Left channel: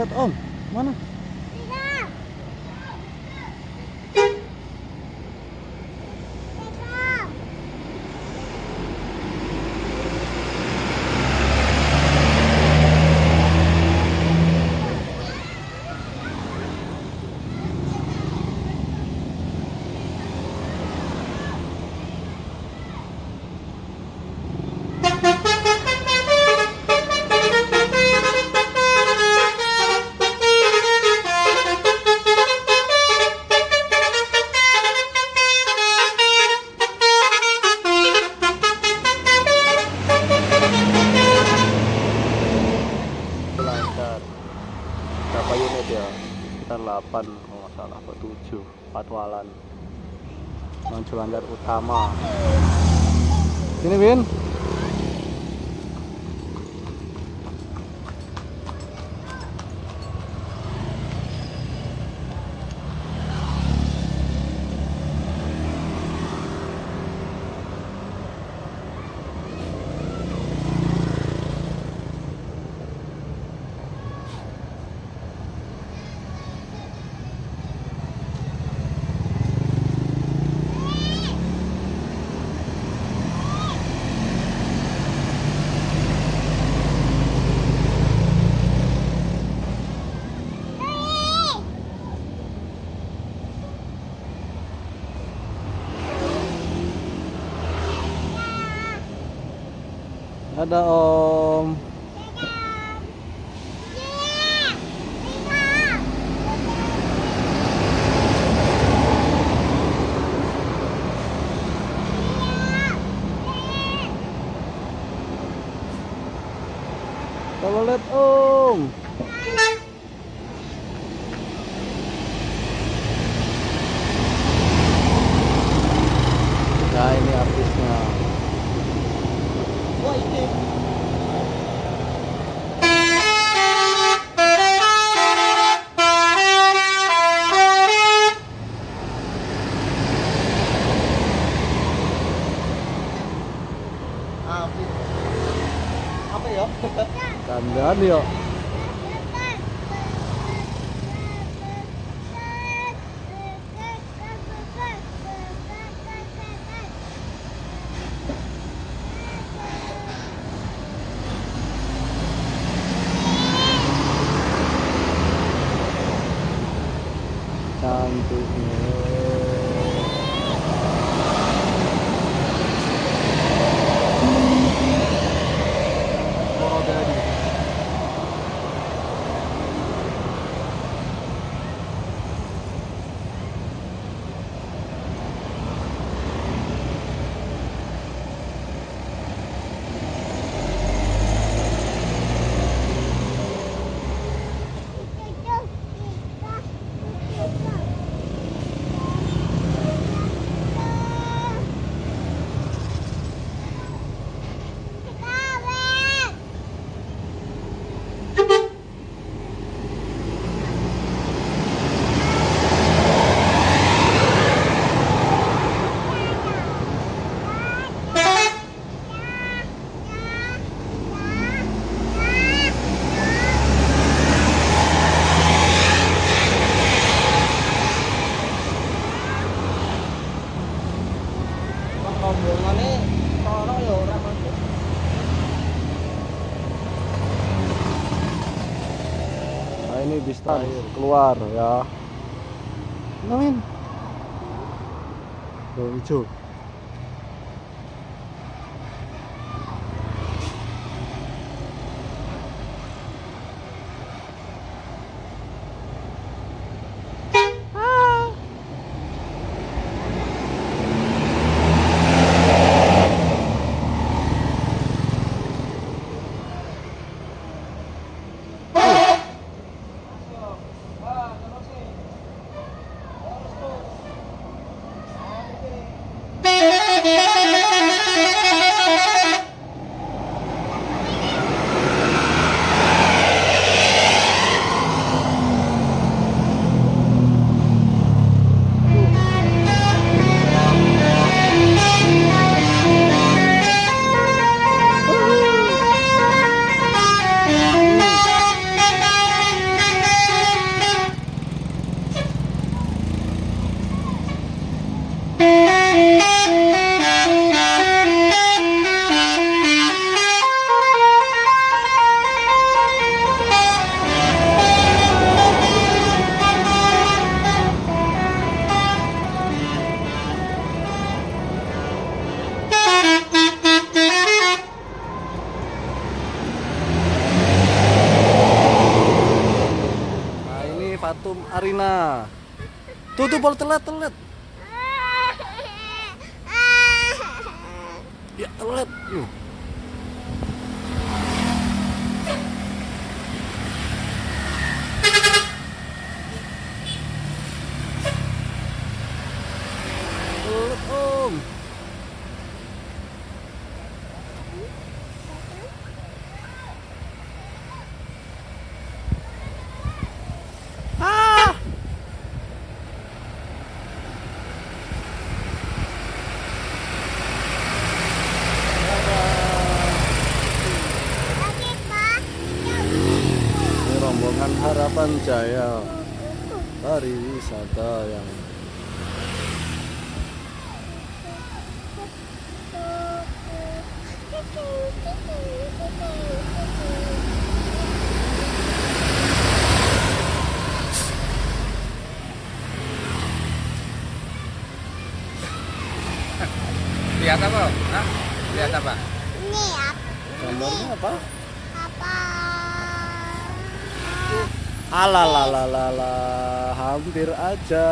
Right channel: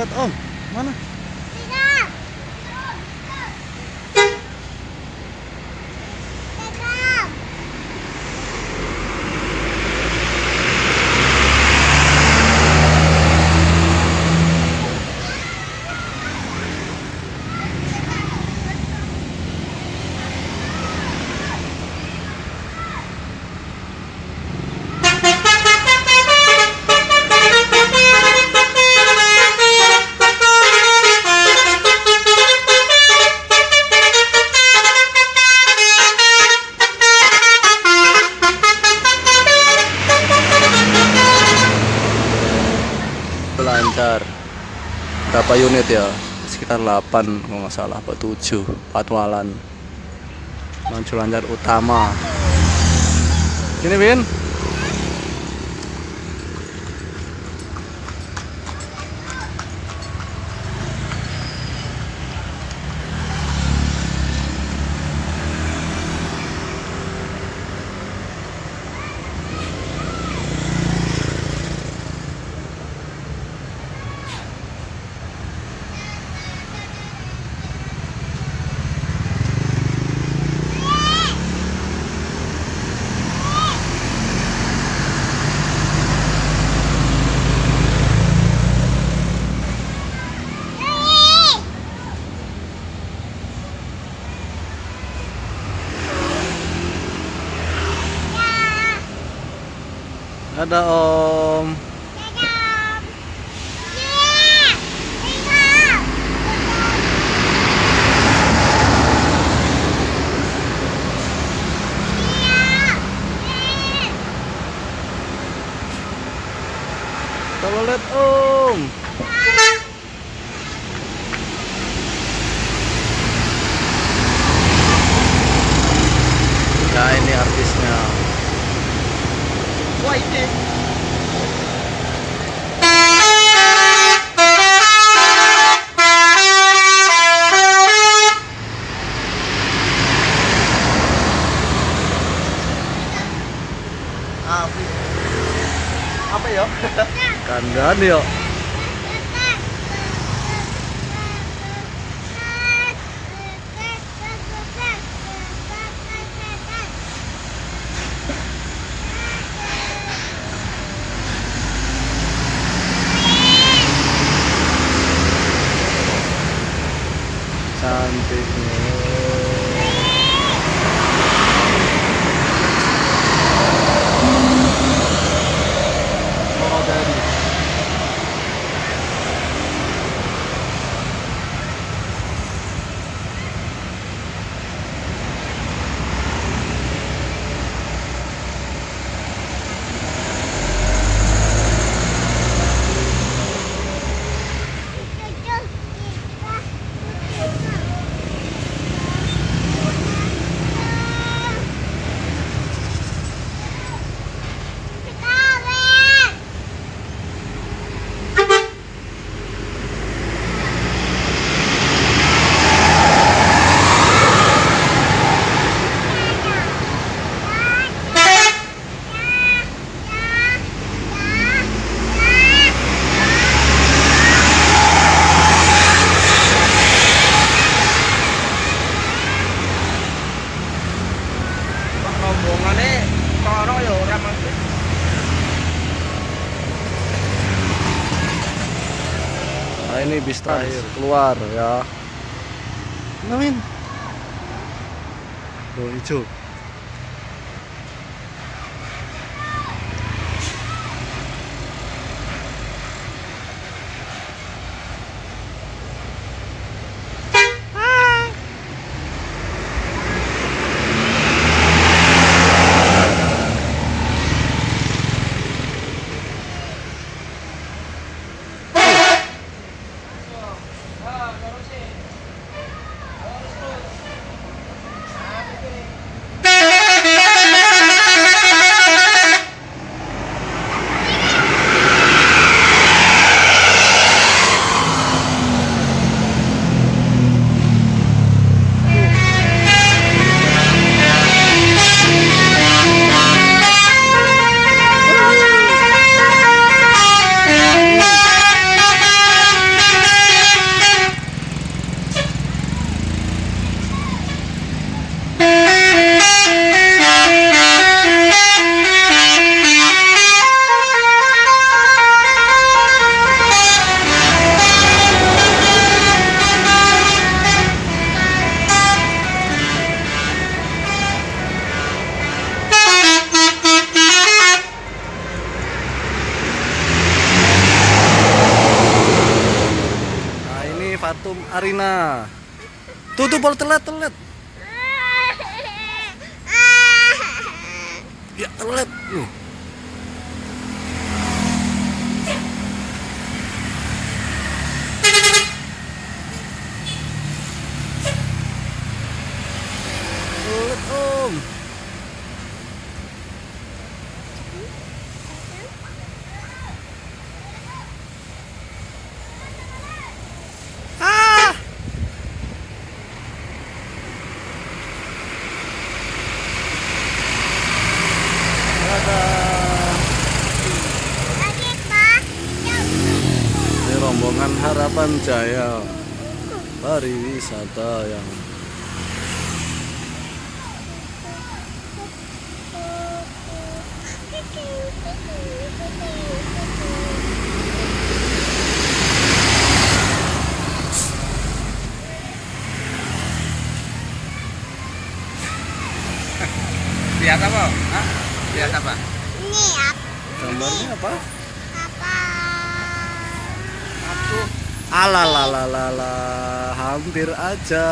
Toilet Om, mana? Lancar. Berapa unit ya? Sekitar 8 kalau nggak salah, apa 7 patwalan. Launch lancar utama. Gini Win. Ada Om. Kalau lihat Om. Ya ini artisnya. Wah ini. Apa ya? Kandang yuk. Cantiknya. Rombongannya karo ya ora maksud. Nah ini bis terakhir keluar ya. Namin. Tuh hijau. Arina. Tuh bol telat. Ya telat. Telat om. Ah. Dadah. Ini rombongan Harapan Jaya pariwisata yang Lihat apa? Hah? Lihat apa? Ini gambarnya apa? apa? Alalalala, hampir aja.